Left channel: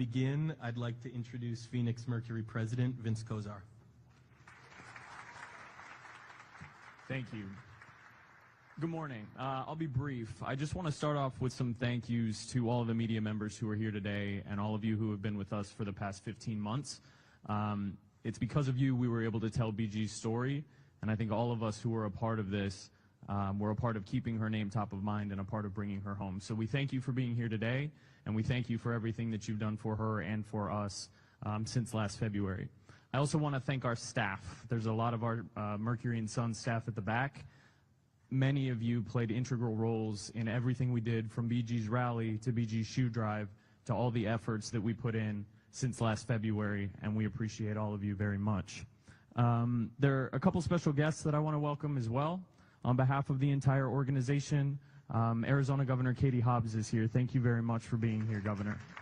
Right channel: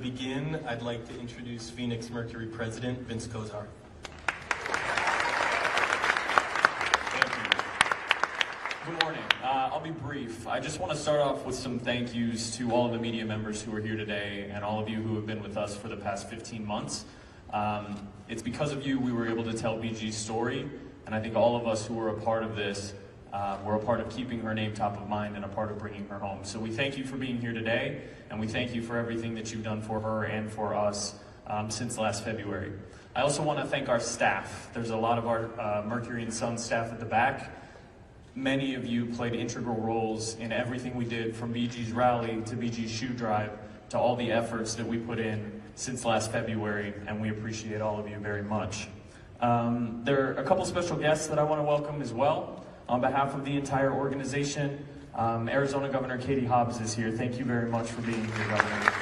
begin, I'd like to introduce Phoenix Mercury President Vince Kozar. Thank you. Good morning. I'll be brief. I just want to start off with some thank yous to all of the media members who are here today and all of you who have been with us for the past 15 months. It's because of you we were able to tell BG's story, and I think all of us who were a part of this were a part of keeping her name top of mind and a part of bringing her home. So we thank you for being here today, and we thank you for everything that you've done for her and for us since last February. I also want to thank our staff. There's a lot of our Mercury and Sun staff at the back. Many of you played integral roles in everything we did, from BG's rally to BG's shoe drive to all the efforts that we put in since last February, and we appreciate all of you very much. There are a couple special guests that I want to welcome as well. On behalf of the entire organization, Arizona Governor Katie Hobbs is here. Thank you very much for being here, Governor.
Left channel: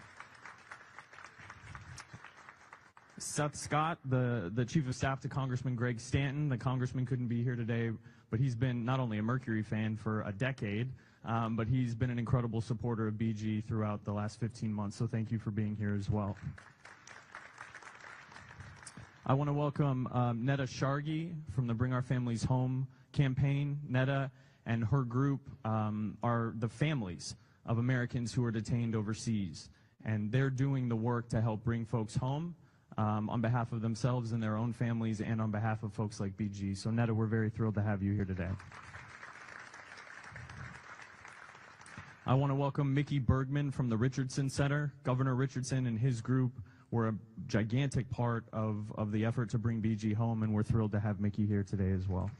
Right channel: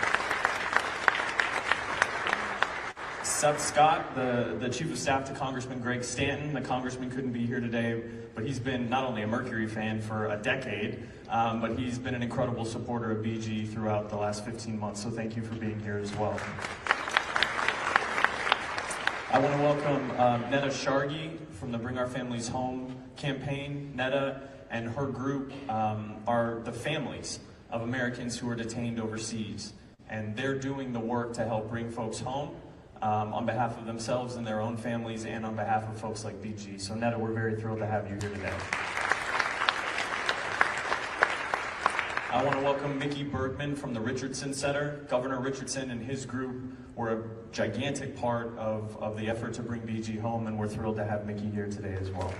Seth Scott, the Chief of Staff to Congressman Greg Stanton. The Congressman couldn't be here today, but he's been not only a Mercury fan for a decade, but he's been an incredible supporter of BG throughout the last 15 months, so thank you for being here as well. I want to welcome Netta Shargi from the Bring Our Families Home campaign. Netta and her group are the families of Americans who are detained overseas, and they're doing the work to help bring folks home on behalf of themselves and their own families and on behalf of folks like BG. So Netta, we're very thrilled to have you here today. I want to welcome Mickey Bergman from the Richardson Center. Governor Richardson and his group were a gigantic part of the effort to bring BG home, and we're thrilled to have Mickey here today as well.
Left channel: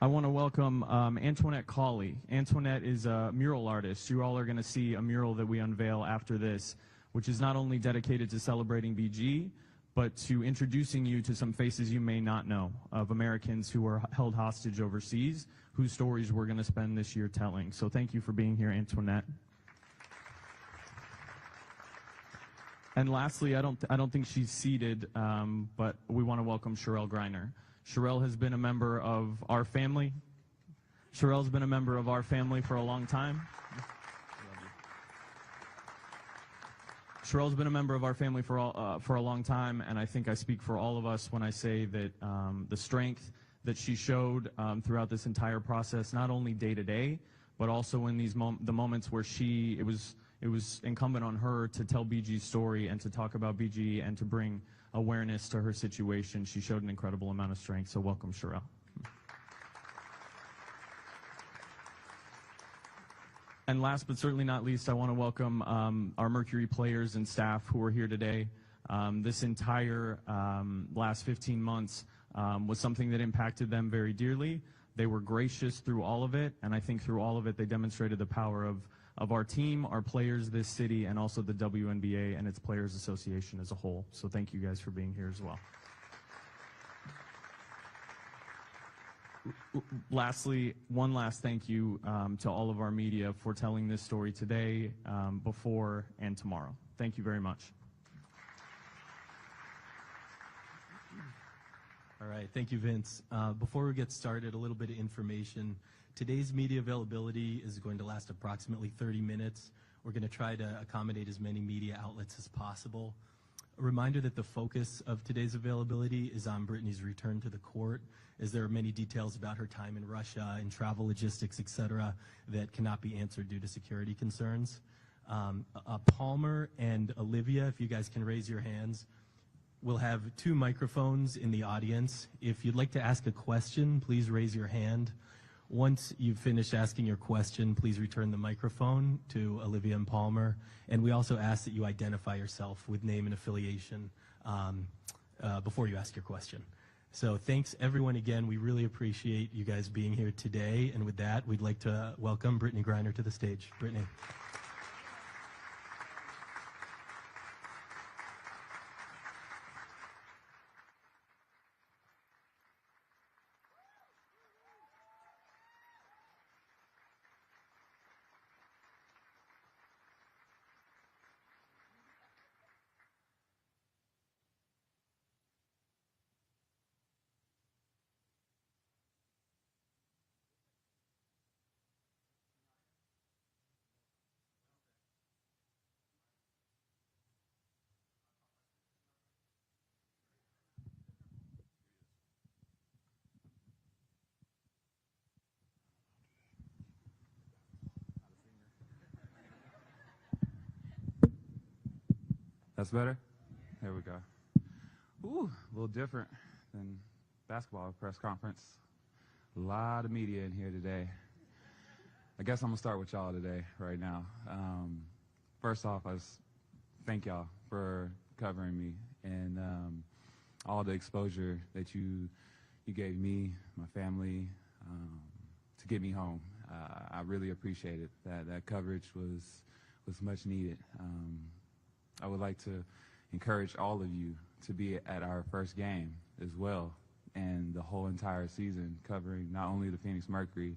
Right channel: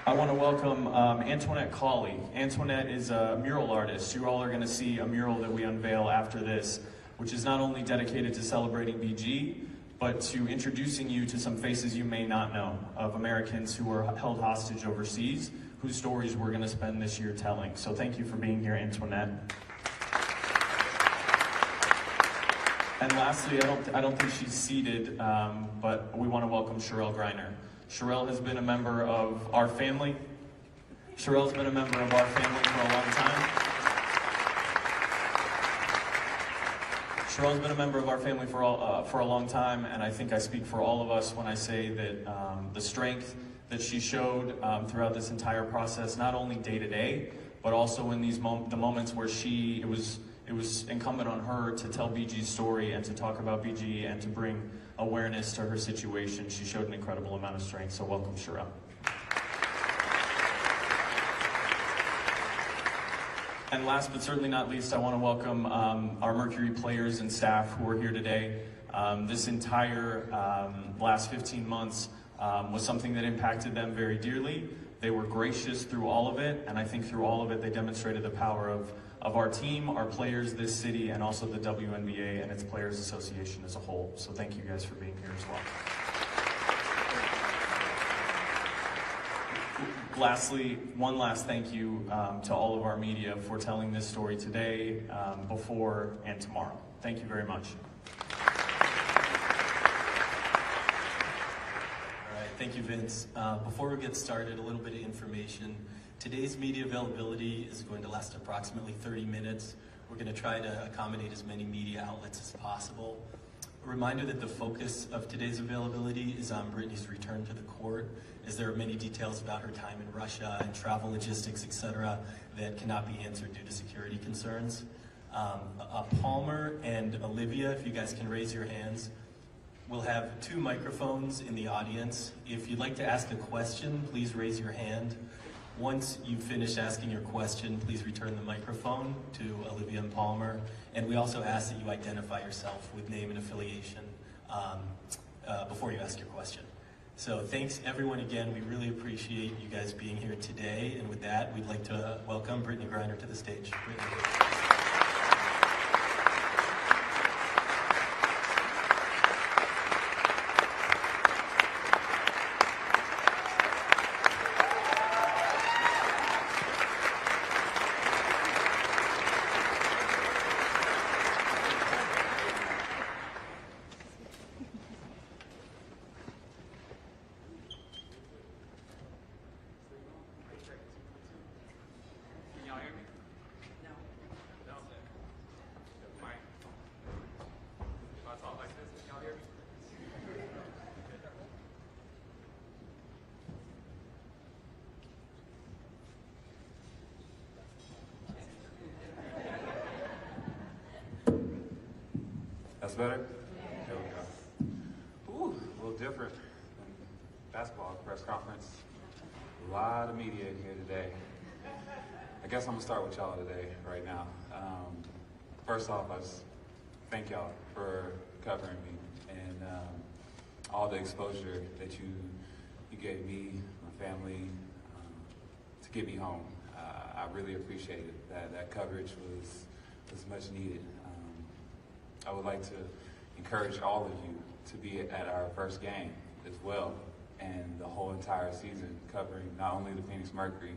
I want to welcome Antoinette Cawley. Antoinette is a mural artist. You all are going to see a mural that we unveil after this, which is not only dedicated to celebrating BG, but to introducing you to some faces you may not know of Americans who are held hostage overseas, whose stories we're going to spend this year telling. So thank you for being here, Antoinette. And lastly, I don't think she's seated, but we want to welcome Sherelle Griner. Sherelle has been a member of our family. Sherelle's been a member of our family for a long time. Sherelle's been a member of our family for a long time, and I think I speak for all of us when I say that the strength that she showed throughout this entire process, not only day to day, but also in these the moments where it was incumbent on her to tell BG's story and to talk about BG and to bring awareness to her situation. She showed an incredible amount of strength, so welcome, Sherelle. And last but certainly not least, I want to welcome our Mercury players and staff who are here today. This entire last 15 months was something that impacted them very dearly. They were gracious through all of it, and I think through all of it, they demonstrated the power of our team, our players, this city, and also the WNBA and its Players Association as a whole. So thank you guys for being here as well. Lastly, one last thank you to all of our media for telling this story today, before, and tomorrow. Thank you very much. Thank you, Vince. Before we get started, a little bit of information. Today's media availability is going to last approximately 30 minutes. We're going to try to accommodate as many media outlets as possible. A reminder that the focus of today's availability is on Brittney's return to the court, as there are many details about her time in Russia and travel logistics, etc., that cannot be answered due to security concerns. Palmer and Olivia, if you guys can raise your hands. We'll have 2 microphones in the audience. If you'd like to ask a question, please raise your hand. Once you finish asking your question, please return the microphone to Olivia and Palmer. And we also ask that you identify yourself with name and affiliation before you ask your question. So thanks everyone again. We really appreciate you guys being here today. And with that, we'd like to welcome Brittney Griner to the stage. Brittney. better? There we go. Ooh, a little different than basketball press conference. A lot of media in here today. I guess I'm gonna start with y'all today, right now. First off, I just thank y'all for covering me and all the exposure that you gave me, my family, to get me home. I really appreciate it. That coverage was much needed. I would like to encourage all of you to be at our first game as well, and the whole entire season, covering not only the Phoenix Mercury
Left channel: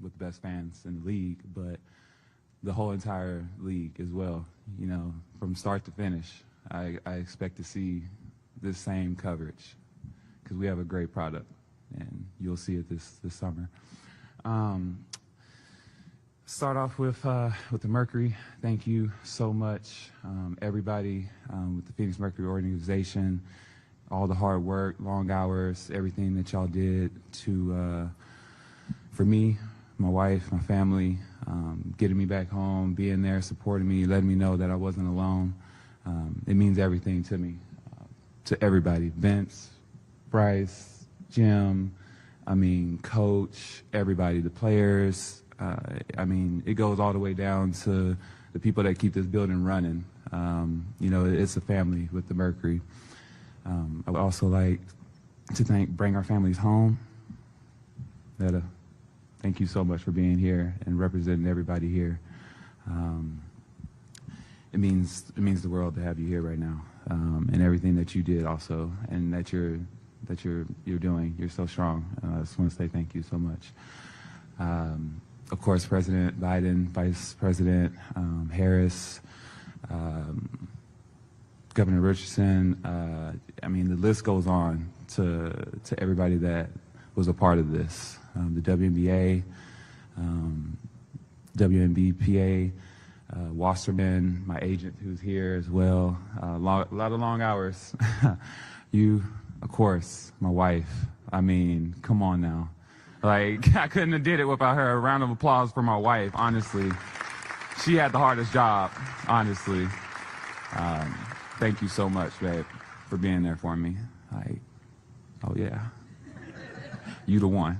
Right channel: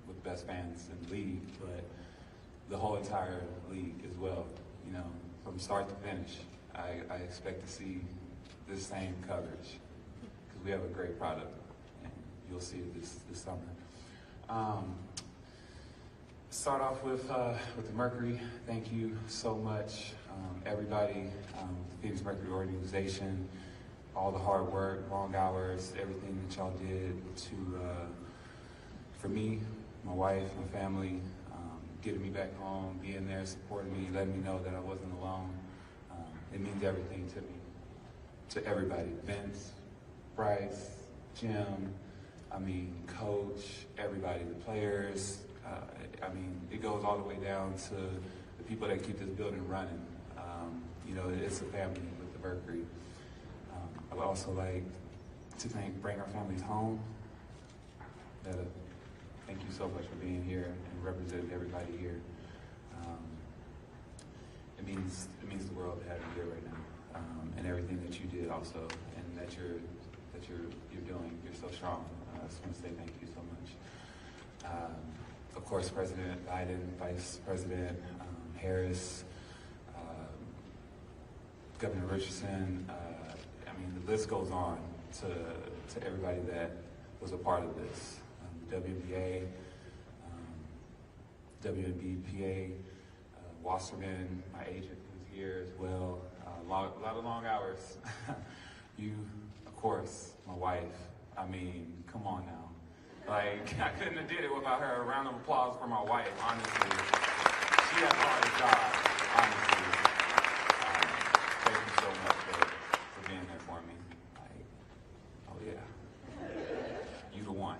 with best fans in the league, but the whole entire league as well. You know, from start to finish, I expect to see this same coverage because we have a great product, and you'll see it this summer. Start off with the Mercury. Thank you so much, everybody, the Phoenix Mercury organization, all the hard work, long hours, everything that y'all did for me, my wife, my family, getting me back home, being there, supporting me, letting me know that I wasn't alone. It means everything to me, to everybody. Vince, Bryce, Jim, coach, everybody, the players. It goes all the way down to the people that keep this building running. It's a family with the Mercury. I would also like to bring our families home. Thank you so much for being here and representing everybody here. It means the world to have you here right now, and everything that you did also, and that you're doing. You're so strong. I just want to say thank you so much. Of course, President Biden, Vice President Harris, Governor Richardson. The list goes on to everybody that was a part of this. The WNBA, WNBA, Wasserman, my agent who's here as well. A lot of long hours. You, of course, my wife. Come on now. I couldn't have did it without her. A round of applause for my wife, honestly. She had the hardest job, honestly. Thank you so much, babe, for being there for me. Oh yeah. You the one.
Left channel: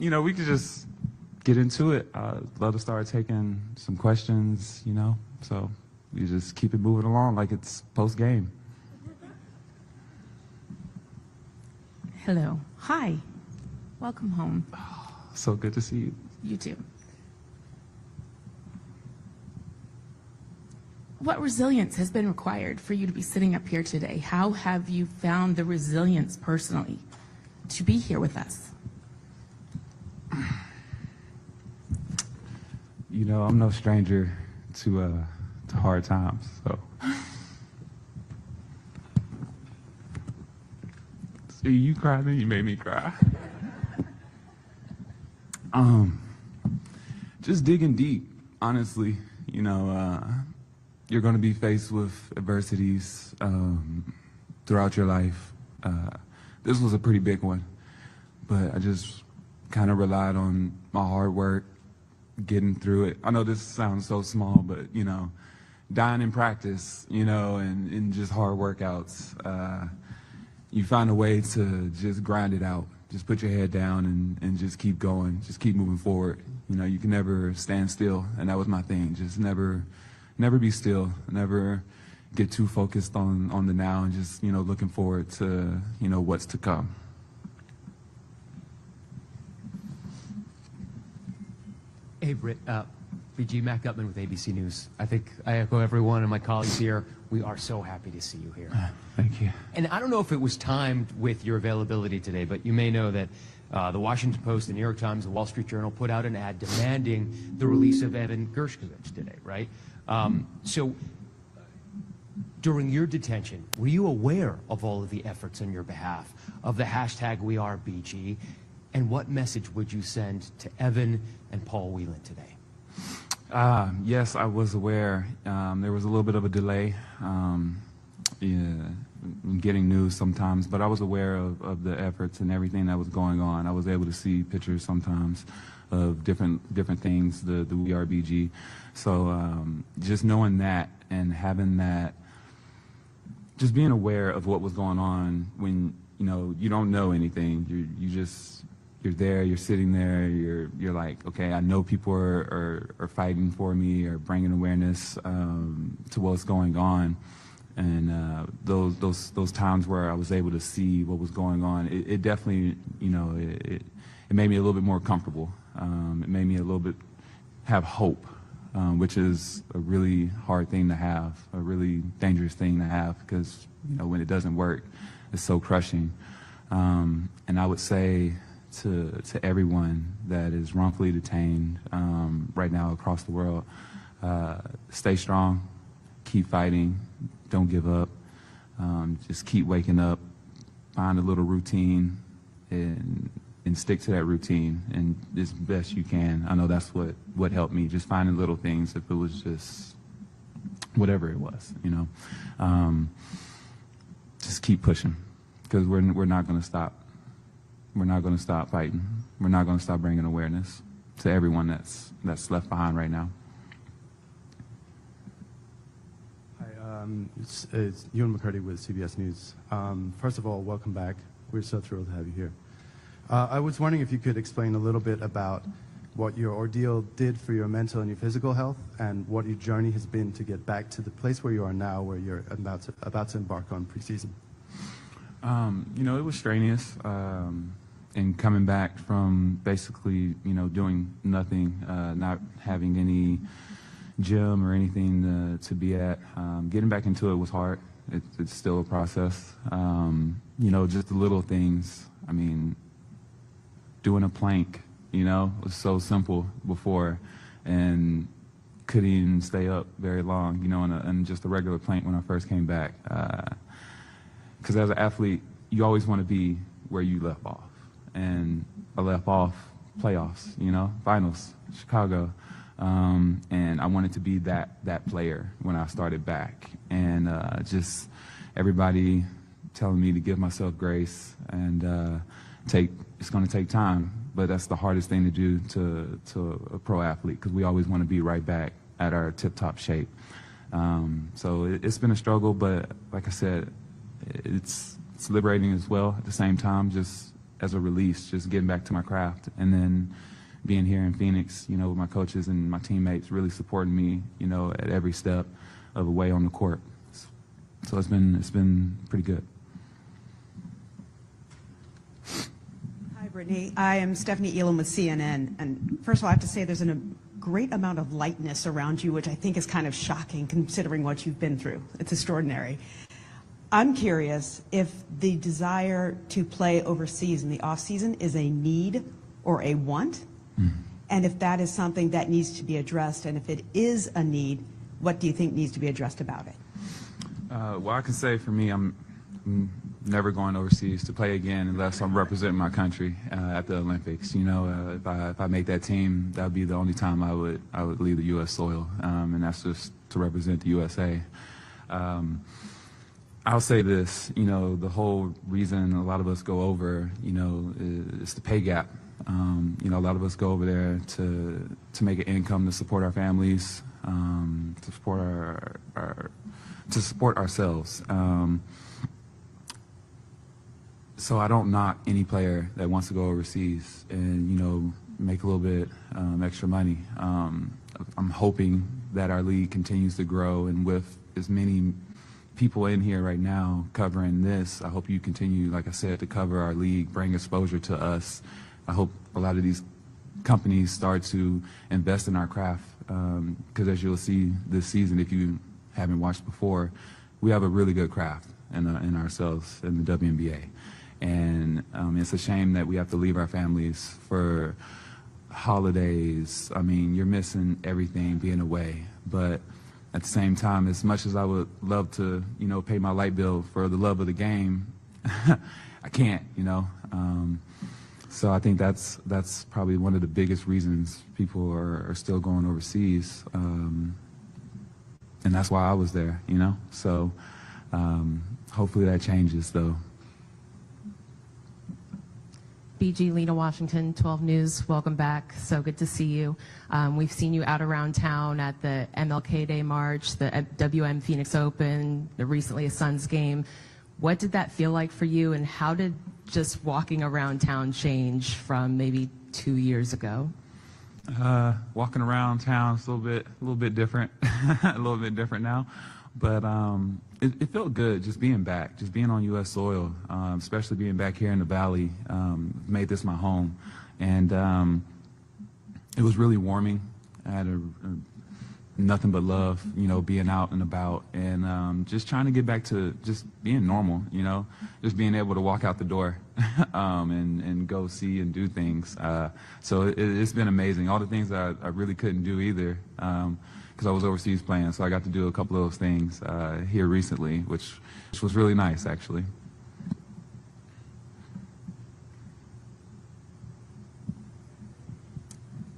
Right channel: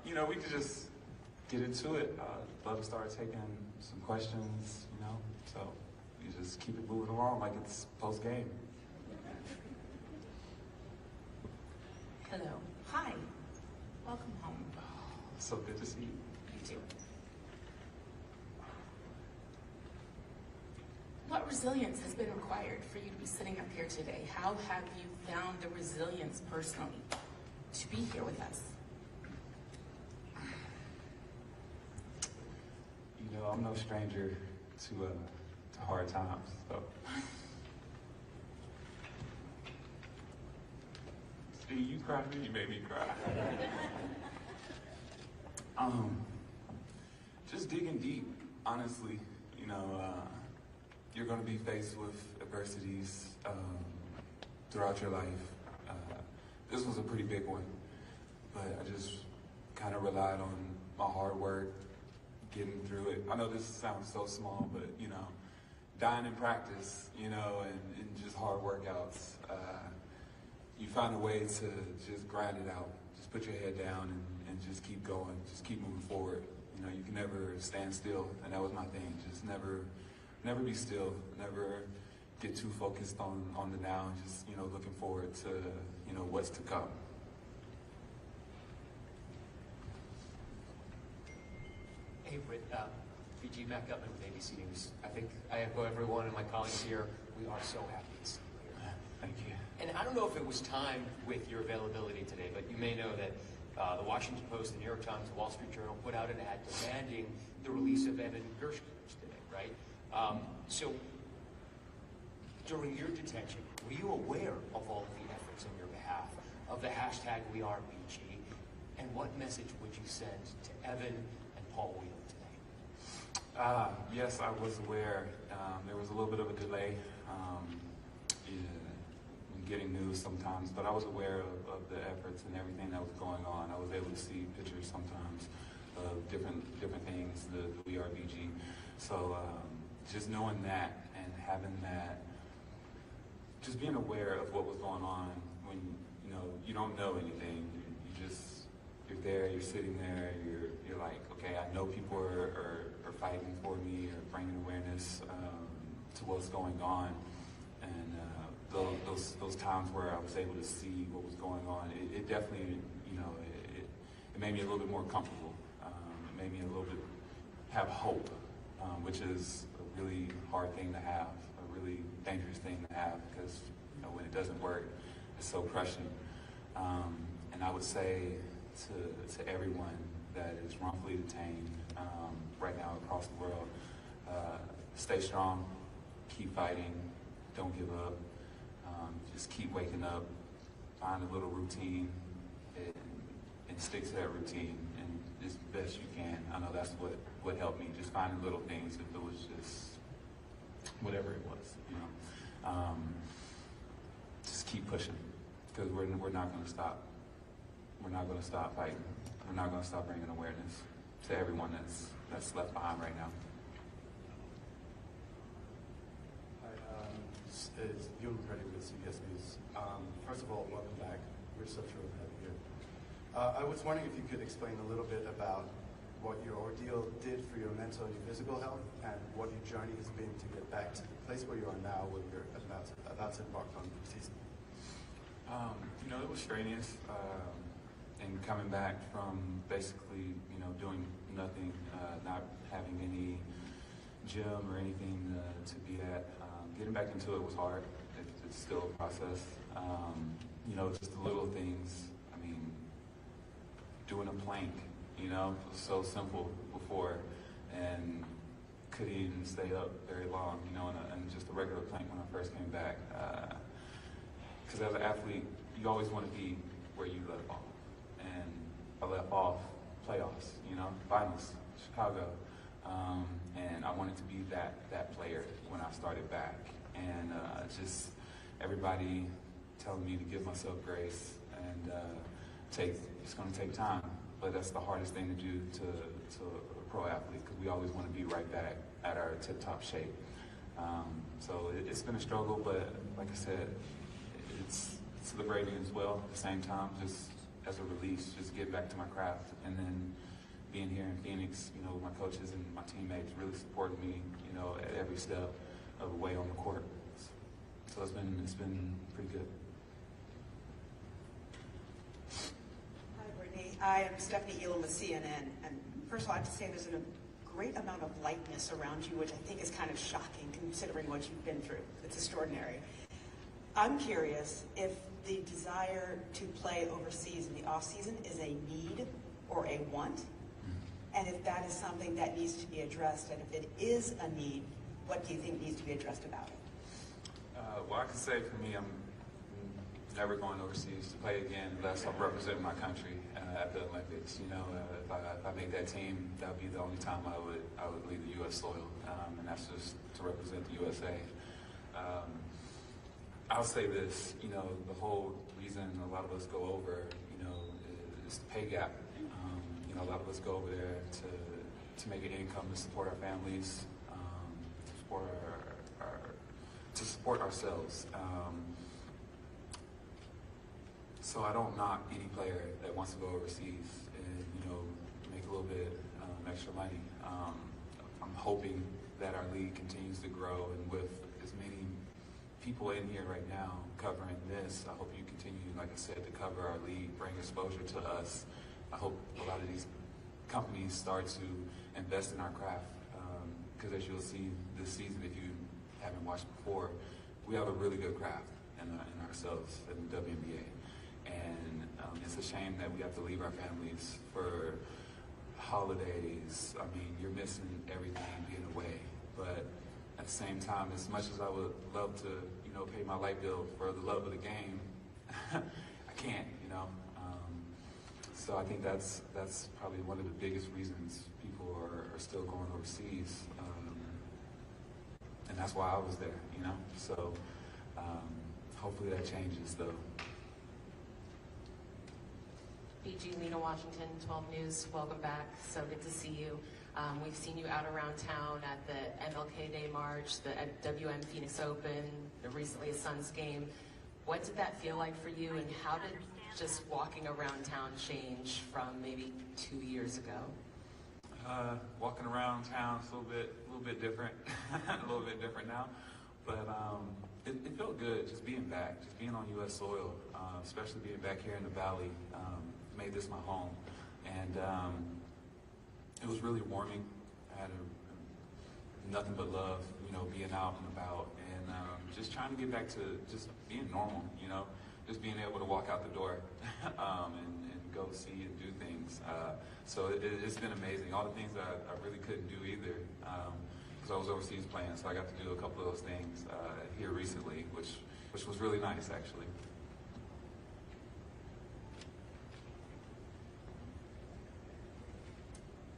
We could just get into it. Love to start taking some questions, so you just keep it moving along like it's post-game. Hello. Hi. Welcome home. So good to see you. You too. What resilience has been required for you to be sitting up here today? How have you found the resilience personally to be here with us? I'm no stranger to hard times, so. See, you cried and you made me cry. Just digging deep, honestly. You're going to be faced with adversities throughout your life. This was a pretty big one, but I just kind of relied on my hard work, getting through it. I know this sounds so small, but dying in practice, and just hard workouts. You find a way to just grind it out. Just put your head down and just keep going. Just keep moving forward. You can never stand still, and that was my thing. Just never be still. Never get too focused on the now, and just looking forward to what's to come. Hey, Britt. BG Mac Gutman with ABC News. I think I echo everyone and my colleagues here. We are so happy to see you here. Thank you. And I don't know if it was timed with your availability today, but you may know that the Washington Post, the New York Times, the Wall Street Journal put out an ad demanding the release of Evan Gershkovich today, right? So during your detention, were you aware of all of the efforts on your behalf, of the hashtag WeAreBG, and what message would you send to Evan and Paul Whelan today? Yes, I was aware. There was a little bit of a delay in getting news sometimes, but I was aware of the efforts and everything that was going on. I was able to see pictures sometimes of different things, the WRBG. So just knowing that and having that, just being aware of what was going on when you don't know anything. You're there, you're sitting there, you're like, okay, I know people are fighting for me or bringing awareness to what's going on. And those times where I was able to see what was going on, it definitely, it made me a little bit more comfortable. It made me a little bit have hope, which is a really hard thing to have, a really dangerous thing to have, because when it doesn't work, it's so crushing. And I would say to everyone that is wrongfully detained right now across the world, stay strong, keep fighting, don't give up, just keep waking up, find a little routine and stick to that routine and as best you can. I know that's what helped me, just finding little things, if it was just whatever it was, just keep pushing, because we're not going to stop. We're not going to stop fighting. We're not going to stop bringing awareness to everyone that's left behind right now. Hi, it's Ewan McCurdy with CBS News. First of all, welcome back. We're so thrilled to have you here. I was wondering if you could explain a little bit about what your ordeal did for your mental and your physical health, and what your journey has been to get back to the place where you are now, where you're about to embark on preseason. It was strenuous, and coming back from basically, doing nothing, not having any gym or anything to be at. Getting back into it was hard. It's still a process. Just the little things. I mean, doing a plank, it was so simple before, and couldn't even stay up very long, on just a regular plank when I first came back. Because as an athlete, you always want to be where you left off. And I left off playoffs, finals, Chicago. And I wanted to be that player when I started back. And just everybody telling me to give myself grace and it's going to take time. But that's the hardest thing to do to a pro athlete, because we always want to be right back at our tip-top shape. So it's been a struggle, but like I said, it's liberating as well at the same time, just as a release, just getting back to my craft. And then being here in Phoenix, with my coaches and my teammates really supporting me, at every step of the way on the court. So it's been pretty good. Hi, Brittney. I am Stephanie Elam with CNN. And first of all, I have to say there's a great amount of lightness around you, which I think is kind of shocking considering what you've been through. It's extraordinary. I'm curious if the desire to play overseas in the off-season is a need or a want, and if that is something that needs to be addressed, and if it is a need, what do you think needs to be addressed about it? Well, I can say for me, I'm never going overseas to play again unless I'm representing my country at the Olympics. If I make that team, that would be the only time I would leave the U.S. soil, and that's just to represent the USA. I'll say this, the whole reason a lot of us go over, is the pay gap. A lot of us go over there to make an income to support our families, to support ourselves. So I don't knock any player that wants to go overseas and, make a little bit extra money. I'm hoping that our league continues to grow, and with as many people in here right now covering this, I hope you continue, like I said, to cover our league, bring exposure to us. I hope a lot of these companies start to invest in our craft, because as you'll see this season, if you haven't watched before, we have a really good craft in ourselves in the WNBA. And it's a shame that we have to leave our families for holidays. I mean, you're missing everything being away. But at the same time, as much as I would love to, pay my light bill for the love of the game, I can't, So I think that's probably one of the biggest reasons people are still going overseas. And that's why I was there, So hopefully that changes, though. BG Lena Washington, 12 News. Welcome back. So good to see you. We've seen you out around town at the MLK Day March, the WM Phoenix Open, the recently a Suns game. What did that feel like for you, and how did just walking around town change from maybe 2 years ago? Walking around town is a little bit different, a little bit different now, but it felt good just being back, just being on U.S. soil, especially being back here in the Valley. Made this my home, and it was really warming. I had nothing but love, being out and about, and just trying to get back to just being normal, just being able to walk out the door and go see and do things. So it's been amazing. All the things that I really couldn't do either because I was overseas playing, so I got to do a couple of those things here recently, which was really nice, actually.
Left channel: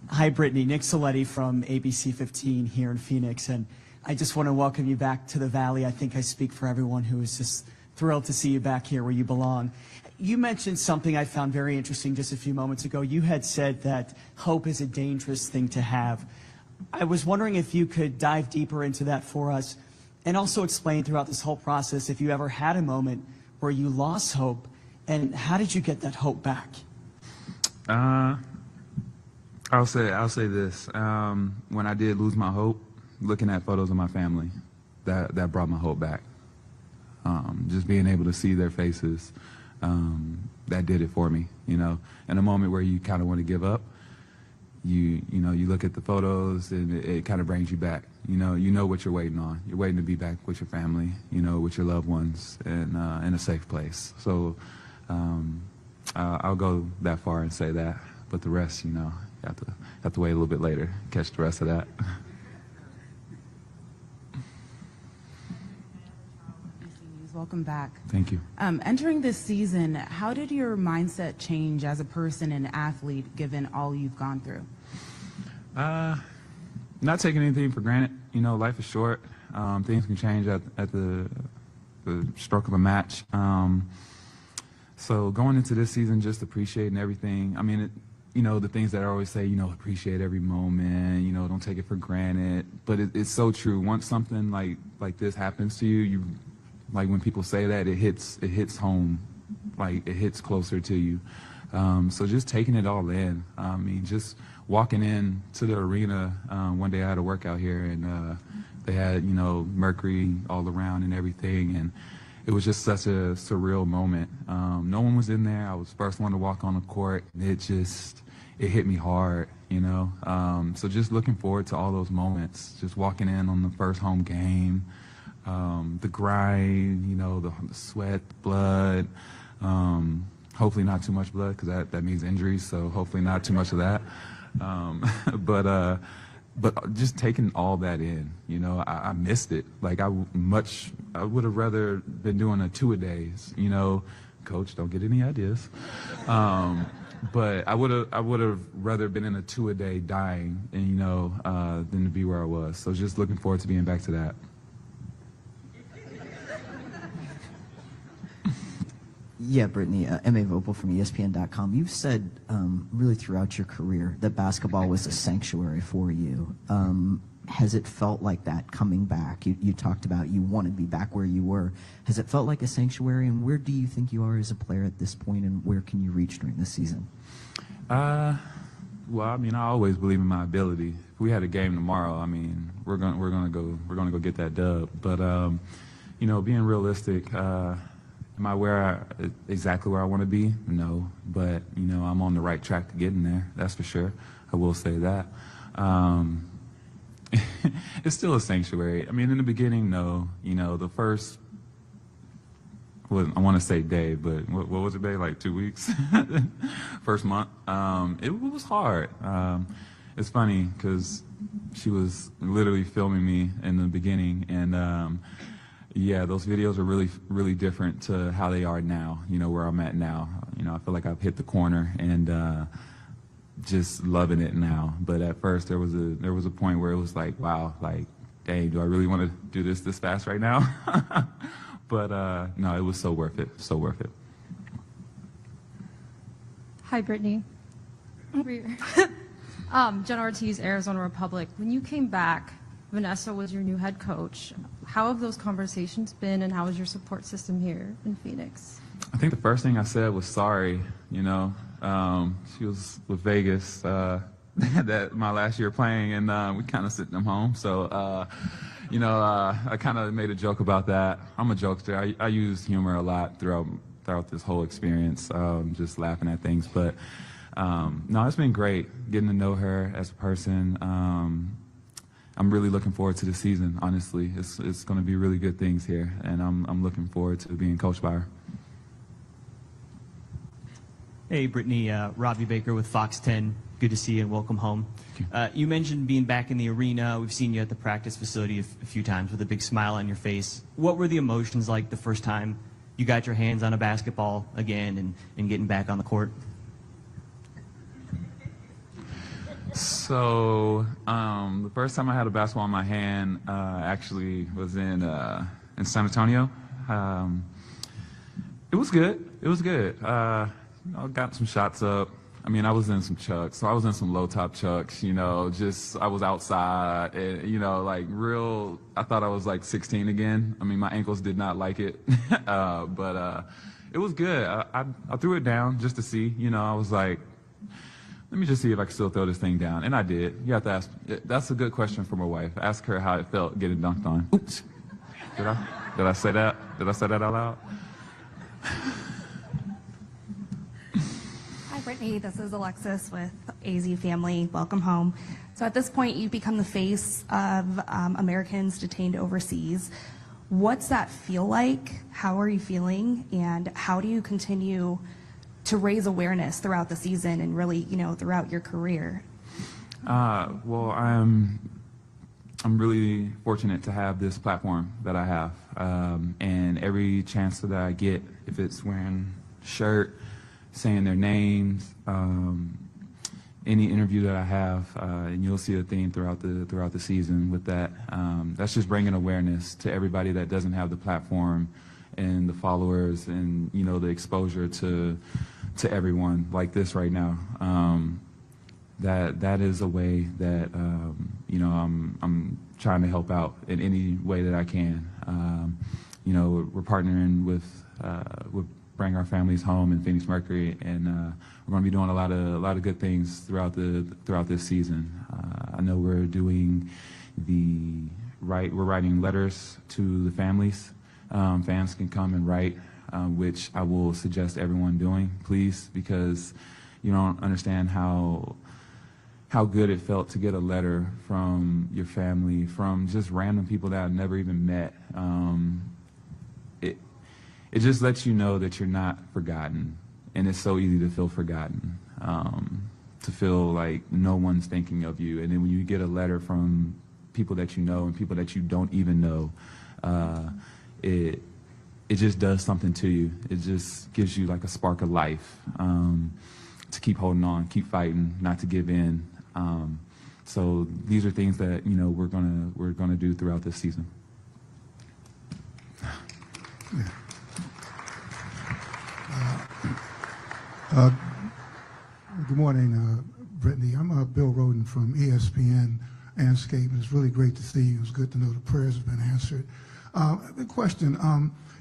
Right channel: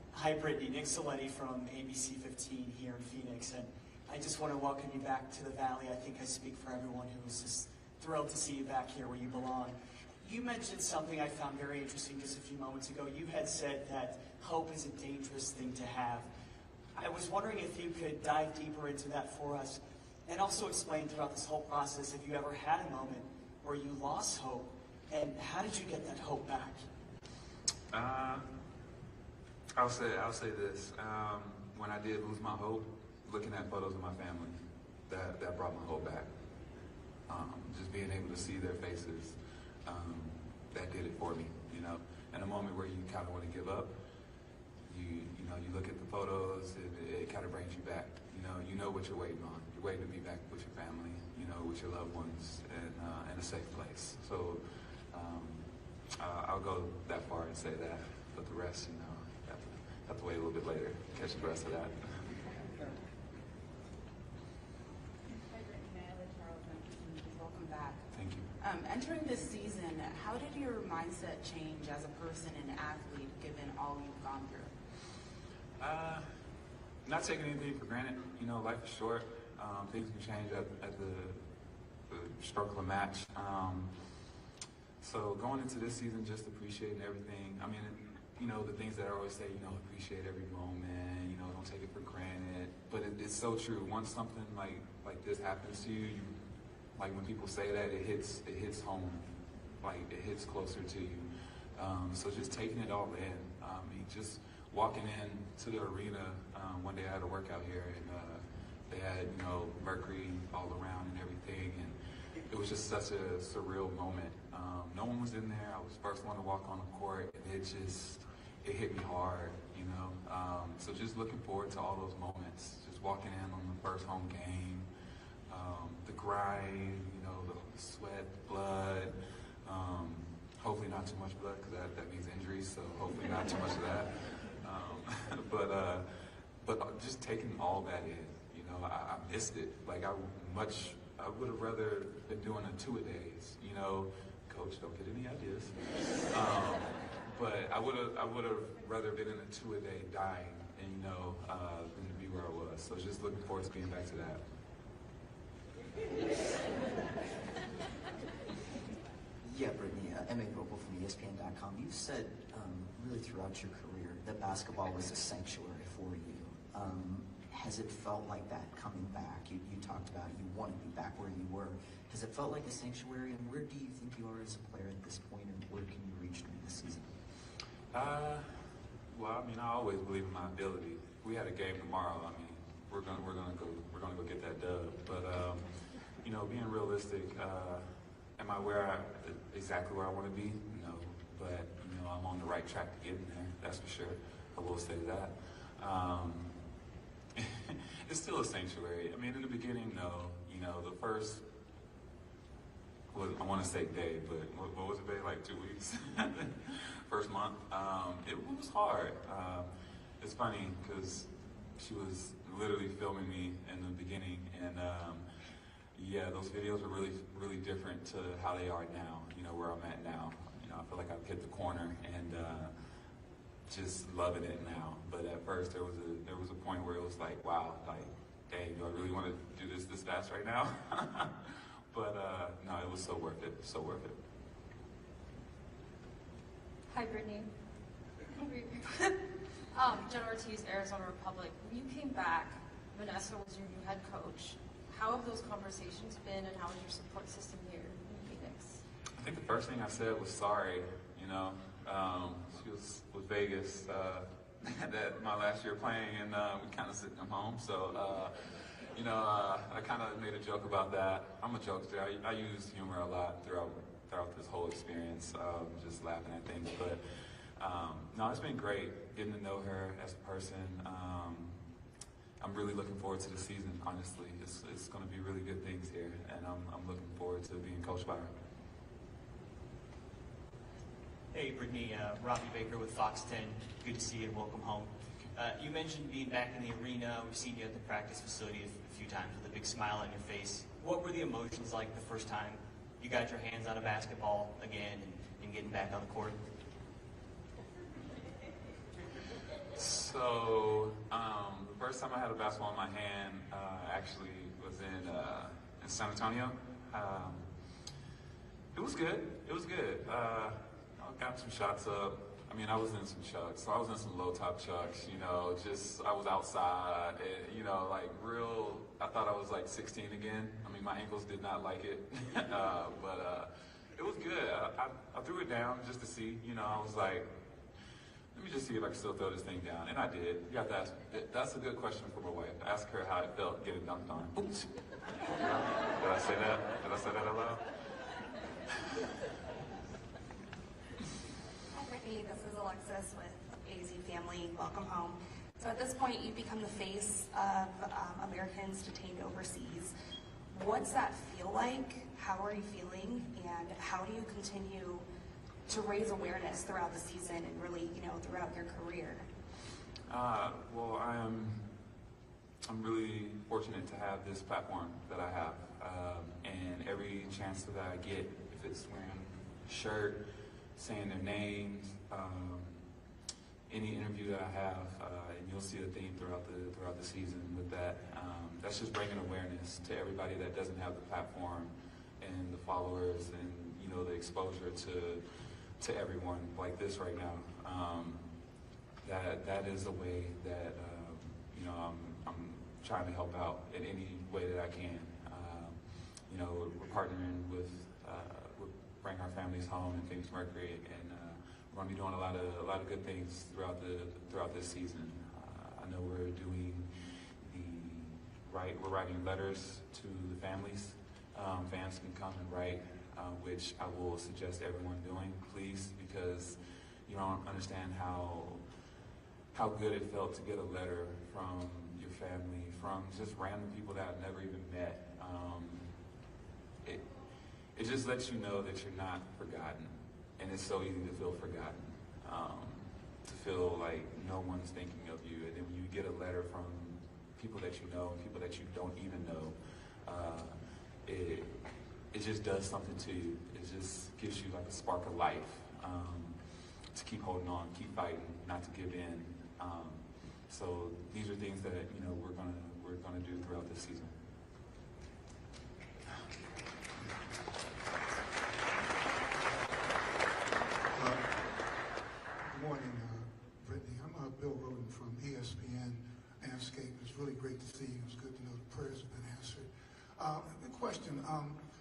Hi, Brittney. Nick Soletti from ABC 15 here in Phoenix, and I just want to welcome you back to the Valley. I think I speak for everyone who is just thrilled to see you back here where you belong. You mentioned something I found very interesting just a few moments ago. You had said that hope is a dangerous thing to have. I was wondering if you could dive deeper into that for us and also explain throughout this whole process if you ever had a moment where you lost hope, and how did you get that hope back? I'll say this. When I did lose my hope, looking at photos of my family, that brought my hope back. Just being able to see their faces, that did it for me. In a moment where you kind of want to give up, you look at the photos and it kind of brings you back. You know what you're waiting on. You're waiting to be back with your family, with your loved ones, and in a safe place. So I'll go that far and say that. But the rest, have to wait a little bit later, catch the rest of that. Welcome back. Thank you. Entering this season, how did your mindset change as a person and athlete given all you've gone through? Not taking anything for granted. Life is short. Things can change at the stroke of a match. So going into this season, just appreciating everything. I mean, the things that I always say, appreciate every moment, don't take it for granted. But it's so true. Once something like this happens to you, like when people say that, it hits home, like it hits closer to you. So just taking it all in. Just walking in to the arena, one day I had a workout here, and they had, mercury all around and everything, and it was just such a surreal moment. No one was in there. I was the first one to walk on the court, and it hit me hard, So just looking forward to all those moments, just walking in on the first home game, the grind, the sweat, blood, hopefully not too much blood because that means injuries, so hopefully not too much of that. But just taking all that in, I missed it. Like I would have rather been doing a 2-a-days, Coach, don't get any ideas. But I would have rather been in a 2-a-day dying, and than to be where I was. So just looking forward to being back to that. Yeah, Brittney, M.A. Vopel from ESPN.com. You've said really throughout your career that basketball was a sanctuary for you. Has it felt like that coming back? You talked about you want to be back where you were. Has it felt like a sanctuary, and where do you think you are as a player at this point, and where can you reach during this season? Well, I always believe in my ability. If we had a game tomorrow, we're gonna go get that dub. But being realistic, am I exactly where I want to be? No, but I'm on the right track to getting there. That's for sure. I will say that. It's still a sanctuary. In the beginning, no. The first, I want to say day, but what was it, day? Like 2 weeks? First month. It was hard. It's funny because she was literally filming me in the beginning, and yeah, those videos are really, really different to how they are now, where I'm at now. I feel like I've hit the corner and just loving it now. But at first there was a point where it was like, wow, like, dang, do I really want to do this fast right now? But no, it was so worth it, so worth it. Hi, Brittany. Jen Ortiz, Arizona Republic. When you came back, Vanessa was your new head coach. How have those conversations been, and how is your support system here in Phoenix? I think the first thing I said was sorry. You know, she was with Vegas that my last year playing, and we kind of sent them home. So, you know, I kind of made a joke about that. I'm a jokester. I use humor a lot throughout this whole experience, just laughing at things. But no, it's been great getting to know her as a person. I'm really looking forward to the season, honestly. It's going to be really good things here, and I'm looking forward to being coached by her. Hey, Brittany, Robbie Baker with Fox 10. Good to see you and welcome home. You mentioned being back in the arena. We've seen you at the practice facility a few times with a big smile on your face. What were the emotions like the first time you got your hands on a basketball again and getting back on the court? So the first time I had a basketball in my hand actually was in San Antonio. It was good. It was good. I got some shots up. I mean, I was in some chucks. So I was in some low-top chucks, you know, just I was outside and, you know, like real, I thought I was like 16 again. I mean, my ankles did not like it, but it was good. I threw it down just to see, you know, I was like, let me just see if I can still throw this thing down. And I did. You have to ask. That's a good question for my wife. Ask her how it felt getting dunked on. Oops. Did I say that? Did I say that out loud? Hi, Brittany. This is Alexis with AZ Family. Welcome home. So at this point, you become the face of Americans detained overseas. What's that feel like? How are you feeling? And how do you continue to raise awareness throughout the season and really, you know, throughout your career? Well, I'm really fortunate to have this platform that I have, and every chance that I get, if it's wearing a shirt, saying their names, any interview that I have, and you'll see a theme throughout the season with that. That's just bringing awareness to everybody that doesn't have the platform and the followers and, you know, the exposure to everyone like this right now. That is a way that you know, I'm trying to help out in any way that I can. You know, we're partnering with Bring Our Families Home and Phoenix Mercury, and we're going to be doing a lot of good things throughout this season. I know we're doing we're writing letters to the families. Fans can come and write, which I will suggest everyone doing, please, because you don't understand how good it felt to get a letter from your family, from just random people that I've never even met. It just lets you know that you're not forgotten, and it's so easy to feel forgotten, to feel like no one's thinking of you. And then when you get a letter from people that you know and people that you don't even know, it just does something to you. It just gives you like a spark of life, to keep holding on, keep fighting, not to give in. So these are things that, you know, we're gonna do throughout this season. Good morning, Brittany. I'm Bill Roden from ESPN Landscape. It's really great to see you. It's good to know the prayers have been answered. The question,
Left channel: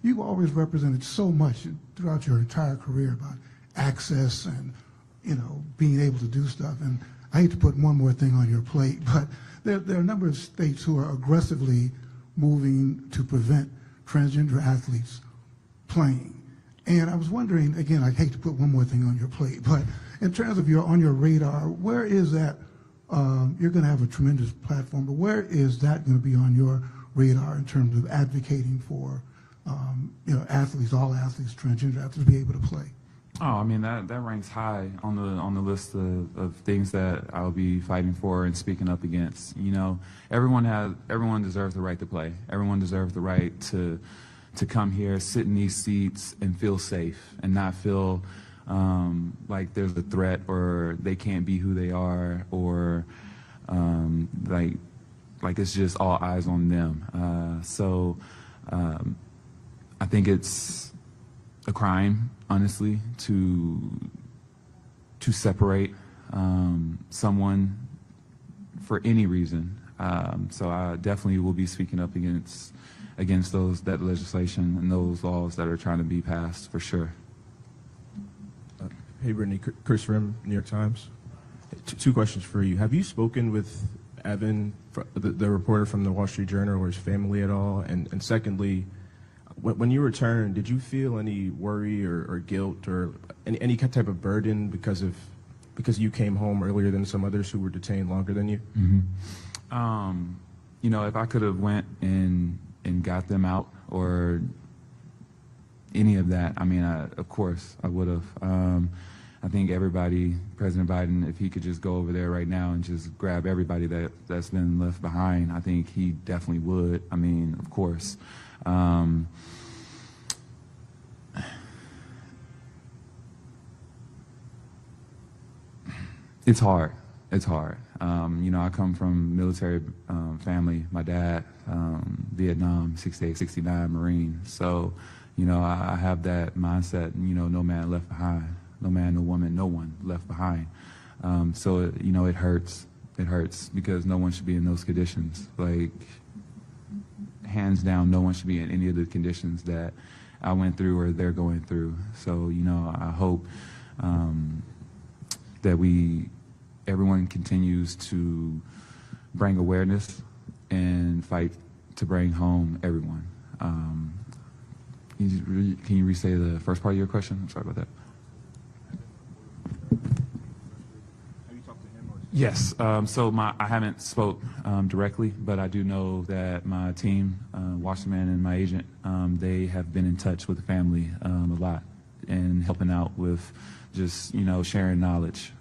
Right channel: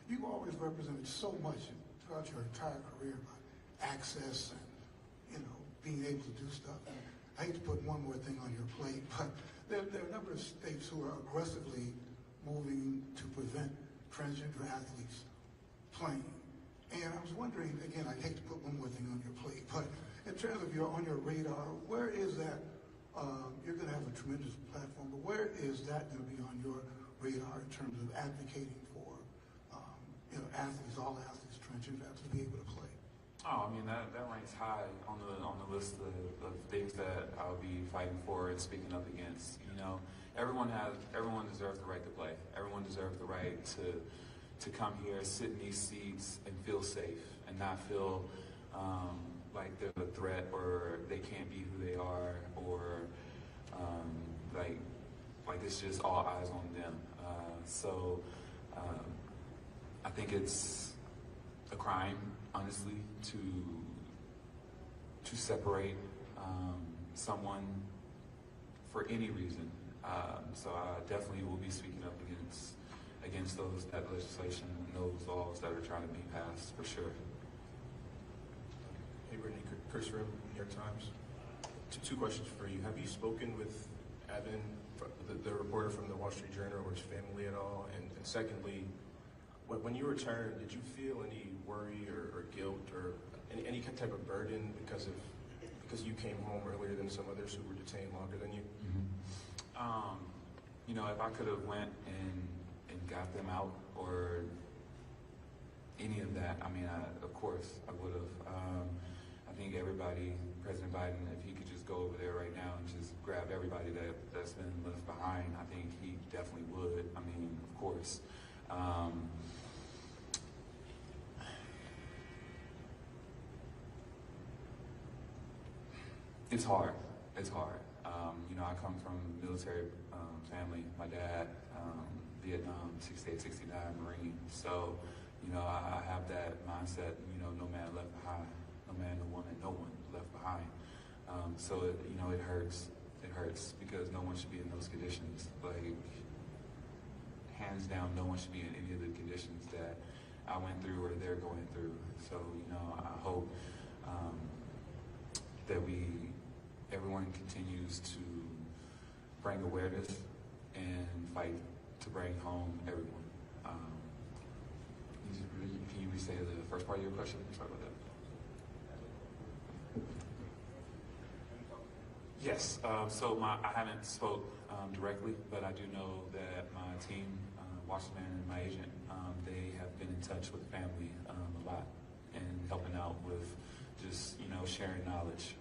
you've always represented so much throughout your entire career about access and, you know, being able to do stuff. And I hate to put one more thing on your plate, but there are a number of states who are aggressively moving to prevent transgender athletes playing. And I was wondering, again, I hate to put one more thing on your plate, but in terms of on your radar, where is that? You're going to have a tremendous platform, but where is that going to be on your radar in terms of advocating for, you know, athletes, all athletes, transgender athletes, to be able to play? Oh, I mean, that ranks high on the list of things that I'll be fighting for and speaking up against. You know, everyone deserves the right to play. Everyone deserves the right to come here, sit in these seats, and feel safe, and not feel like there's a threat or they can't be who they are, or like it's just all eyes on them. So I think it's a crime, honestly, to to separate someone for any reason. So I definitely will be speaking up against that legislation and those laws that are trying to be passed for sure. Hey, Brittney, Chris Rim, New York Times. Two questions for you. Have you spoken with Evan, the reporter from the Wall Street Journal, or his family at all? And secondly, when you returned, did you feel any worry or guilt or any type of burden because you came home earlier than some others who were detained longer than you? Mm-hmm. You know, if I could have went and got them out or any of that, I mean, of course I would have. I think everybody, President Biden, if he could just go over there right now and just grab everybody that's been left behind, I think he definitely would. I mean, of course. It's hard. It's hard. You know, I come from military family. My dad, Vietnam, 68, 69 Marine. So, you know, I have that mindset, you know, no man left behind. No man, no woman, no one left behind. So, you know, it hurts. It hurts because no one should be in those conditions. Like, hands down, no one should be in any of the conditions that I went through or they're going through. So, you know, I hope that everyone continues to bring awareness and fight to bring home everyone. Can you re-say the first part of your question? I'm sorry about that. Yes. So I haven't spoke directly, but I do know that my team, Wasserman and my agent, they have been in touch with the family a lot and helping out with just, you know, sharing knowledge,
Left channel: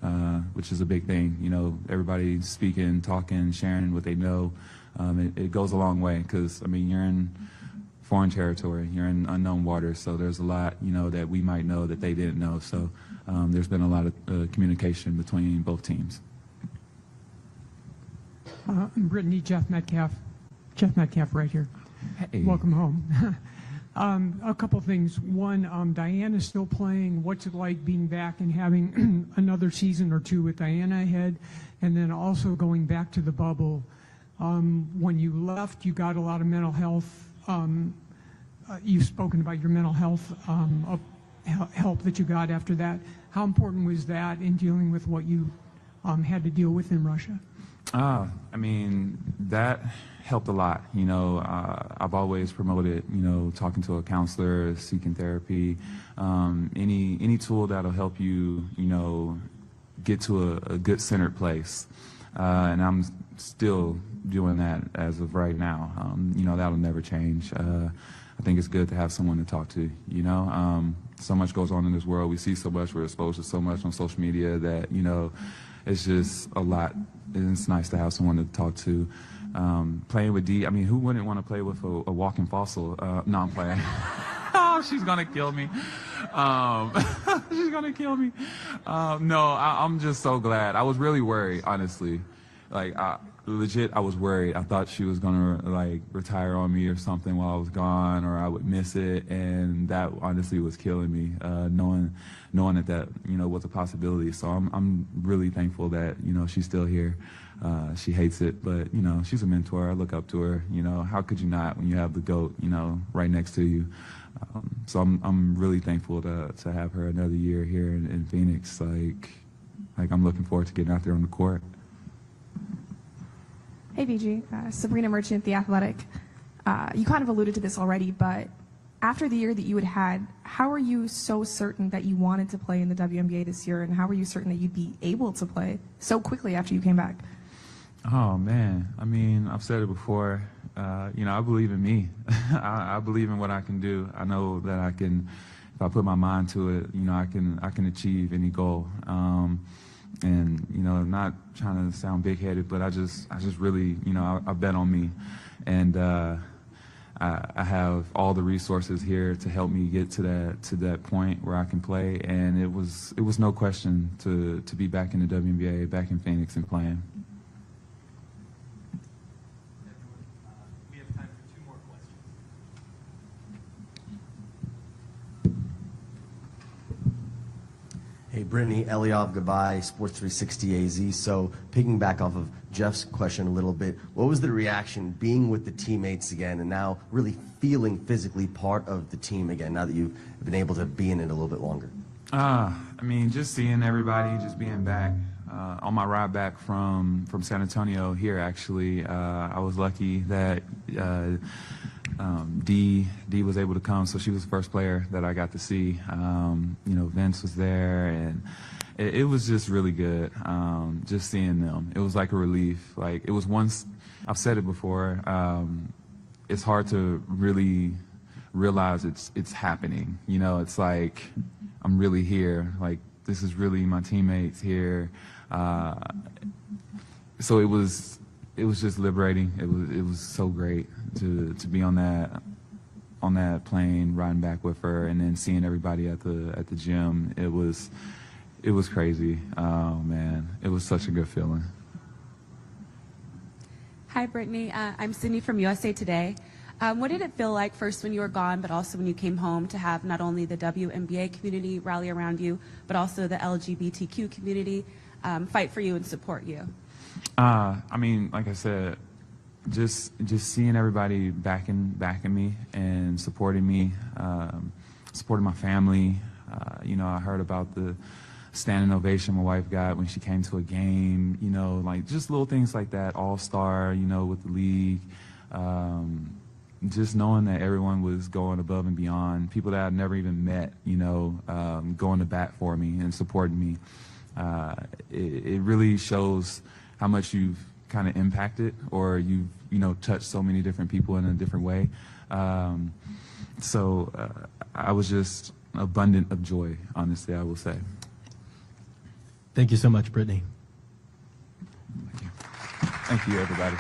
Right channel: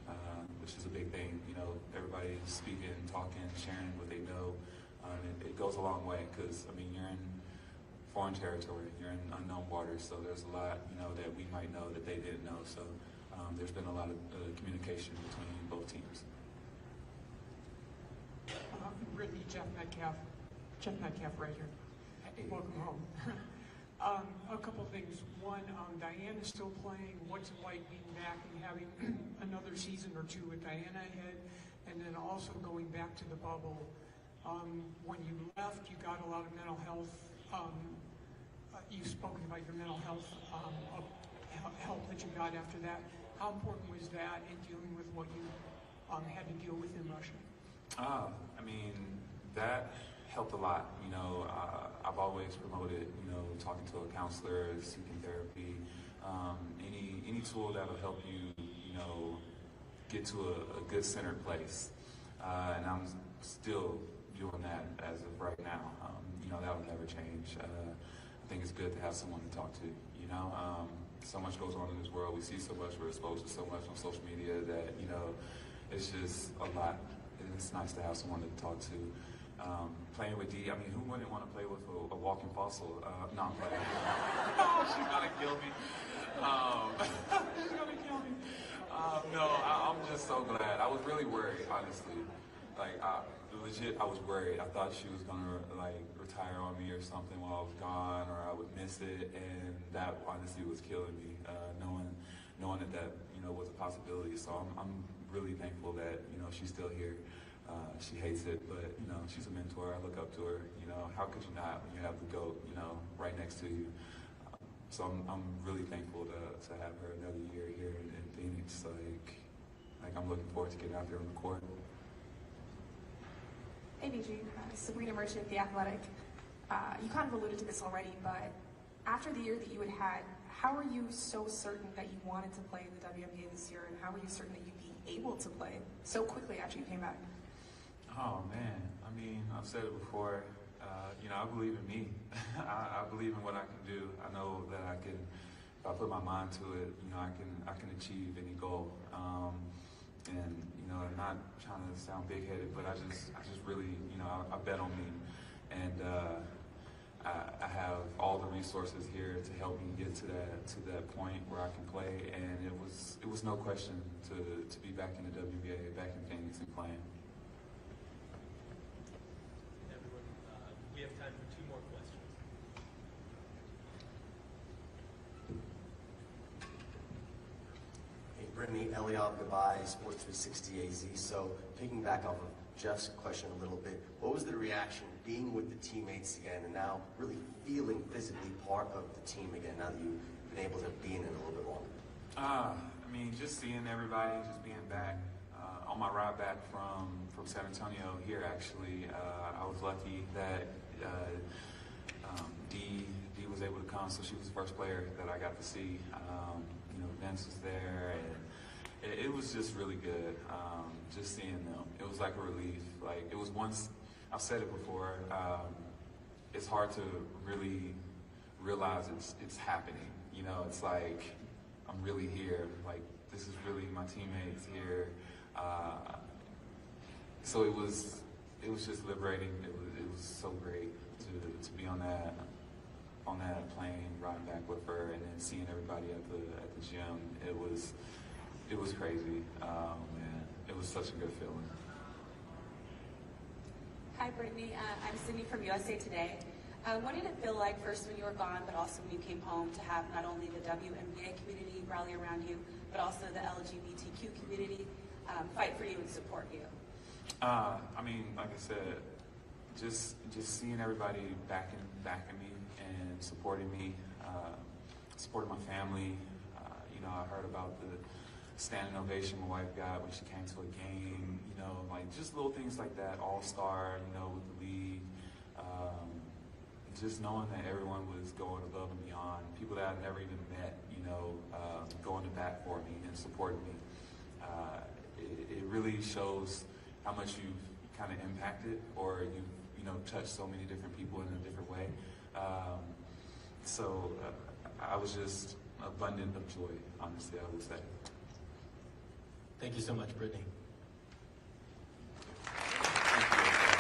which is a big thing. You know, everybody speaking, talking, sharing what they know. It goes a long way because, I mean, you're in foreign territory, you're in unknown waters, so there's a lot, you know, that we might know that they didn't know. So there's been a lot of communication between both teams. Brittney, Jeff Metcalf right here. Hey. Welcome home. A couple things. One, Diana's still playing. What's it like being back and having another season or two with Diana ahead? And then also going back to the bubble. When you left, you got a lot of mental health. You've spoken about your mental health help that you got after that. How important was that in dealing with what you had to deal with in Russia? I mean, that helped a lot. You know, I've always promoted, you know, talking to a counselor, seeking therapy, any tool that'll help you, you know, get to a good centered place. And I'm still doing that as of right now. You know, that'll never change. I think it's good to have someone to talk to, you know. So much goes on in this world. We see so much, we're exposed to so much on social media that, you know, it's just a lot. And it's nice to have someone to talk to. Playing with Dee, I mean, who wouldn't want to play with a walking fossil? No, I'm playing. Oh, she's gonna kill me. She's gonna kill me. No, I'm just so glad. I was really worried, honestly. Like, legit, I was worried. I thought she was gonna like retire on me or something while I was gone, or I would miss it, and that honestly was killing me. Knowing that you know was a possibility. So I'm really thankful that you know she's still here. She hates it, but you know she's a mentor. I look up to her. You know, how could you not when you have the GOAT, you know, right next to you? So I'm really thankful to have her another year here in Phoenix. Like I'm looking forward to getting out there on the court. Hey, BG. Sabrina Merchant, The Athletic. You kind of alluded to this already, but after the year that you had had, how are you so certain that you wanted to play in the WNBA this year, and how were you certain that you'd be able to play so quickly after you came back? Oh, man. I mean, I've said it before. You know, I believe in me. I believe in what I can do. I know that I can, if I put my mind to it, you know, I can achieve any goal. And, you know, not trying to sound big-headed, but I just really, you know, I bet on me. And I have all the resources here to help me get to that point where I can play. And it was no question to be back in the WNBA, back in Phoenix and playing. We have time for 2 more questions. Hey, Brittney, Eliav Gabay, Sports 360 AZ. So, picking back off of Jeff's question a little bit, what was the reaction being with the teammates again and now really feeling physically part of the team again now that you've been able to be in it a little bit longer? I mean, just seeing everybody, just being back. On my ride back from San Antonio here, actually, I was lucky that Dee was able to come, so she was the first player that I got to see. You know, Vince was there, and it was just really good, just seeing them. It was like a relief. Like, it was once, I've said it before, it's hard to really realize it's happening. You know, it's like, I'm really here. Like, this is really my teammates here. So it was just liberating. It was so great to be on that plane, riding back with her, and then seeing everybody at the gym. It was crazy. Man, it was such a good feeling. Hi, Brittney. I'm Sydney from USA Today. What did it feel like first when you were gone, but also when you came home, to have not only the WNBA community rally around you, but also the LGBTQ community fight for you and support you? I mean, like I said, just seeing everybody backing me and supporting me, supporting my family. You know, I heard about the standing ovation my wife got when she came to a game. You know, like just little things like that. All-star, you know, with the league. Just knowing that everyone was going above and beyond, people that I've never even met, you know, going to bat for me and supporting me. It really shows how much you've kind of impacted, or you know, touched so many different people in a different way. So I was just abundant of joy, honestly, I will say. Thank you so much, Brittney. Thank you, everybody.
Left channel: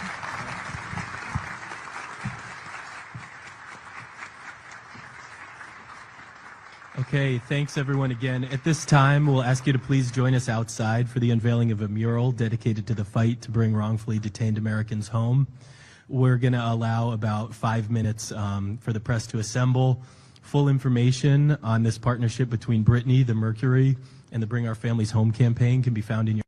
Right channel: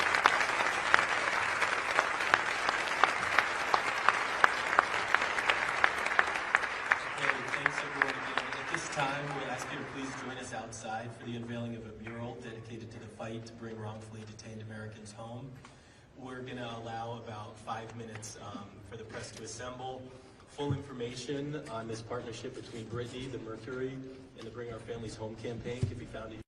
Okay, thanks everyone again. At this time, we'll ask you to please join us outside for the unveiling of a mural dedicated to the fight to bring wrongfully detained Americans home. We're going to allow about 5 minutes for the press to assemble. Full information on this partnership between Brittney, the Mercury, and the Bring Our Families Home campaign can be found in your